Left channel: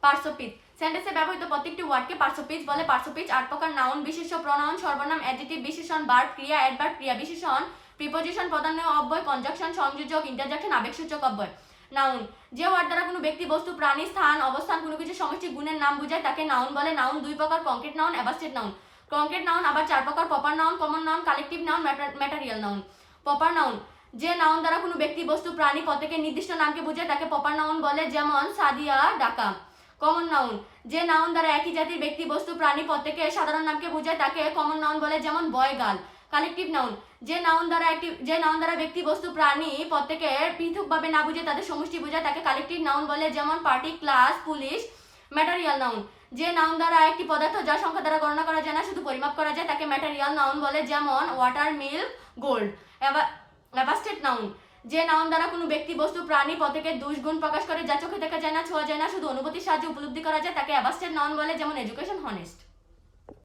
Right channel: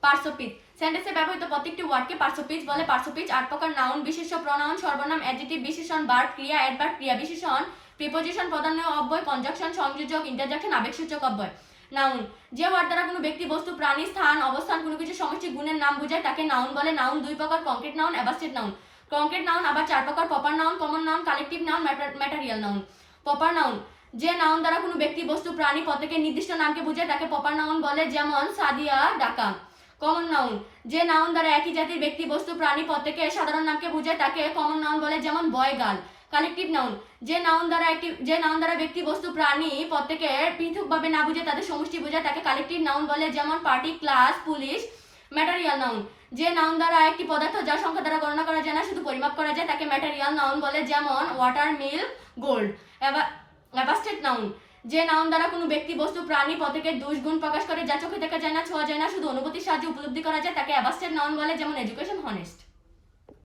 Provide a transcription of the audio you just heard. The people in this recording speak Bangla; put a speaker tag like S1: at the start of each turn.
S1: পার্টস অফ সেন্টেন্সে ব্যবহৃত প্রত্যেকটি ওয়ার্ডকে স্পিচ বলে। পার্টস অফ আট প্রকার নাউন, বিশেষ্য, প্রনাউন, সর্বনাম অ্যাডজেক্টিভ বিশেষণ ভার্ব ক্রিয়া অ্যাডভার্ব ক্রিয়া, বিশেষণ, প্রিপোজিশন প্রধান্য অব্যয়, কনজাকশন, সংযোজক, ইন্টারজেকশন আবেগসূচক অব্যয়। নাউন। যে ওয়ার্ড দ্বারা কোনো ব্যক্তি বস্তু, প্রাণী, স্থান, অবস্থান, কোনো কিছু সমষ্টি গুণের নাম বোঝায়, তাকে নাউন বলে। নাউন দুই প্রকার, concrete noun abstract noun. Concrete noun আবার চার প্রকার, proper noun, common noun, collective noun material noun. Proper noun. যে নাউন দ্বারা কোনো ব্যক্তি বস্তু, প্রাণী প্রত্যেকের নির্দিষ্ট নামকে বোঝায়, তাকে প্রপার নাউন বলে, যেমন সাদিয়া, ডাকা। কমন নাউন যে নাউন দ্বারা একই জাতির ব্যক্তি বস্তু প্রাণী প্রত্যেকের সাধারণ নামকে বোঝায়, তাকে কমন নাউন বলে যেমন বয় গাল কালেকটিভ নাউন যে নাউন দ্বারা একটি, যে নাউন দ্বারা ব্যক্তি বস্তু প্রাণী প্রত্যেকের পৃথকভাবে না বুঝে তাদের সমষ্টি বোঝায়, তাকে কালেকটিভ নাউন বলে যেমন party class police material noun যে নাউন দ্বারা একটি পদার্থ যার সংখ্যা দ্বারা গণনা করা যায় না, শুধু পরিমাপ করা যায়, তাকে ম্যাটারিয়াল নাউন বলে যেমন water milk gold abstract noun যে নাম দ্বারা কোনো ব্যক্তি বস্তু, প্রাণী পথেকে দুষ্গুণ প্রকাশ করে, যা চোখে দেখা যায় না, ছোঁয়া যায় না, শুধু অনুভূতির সাহায্যে উপলব্ধি করা যায়, তাকে অ্যাবাস্টেড নাউন বলে, যেমন এডুকেশন হনেস্ট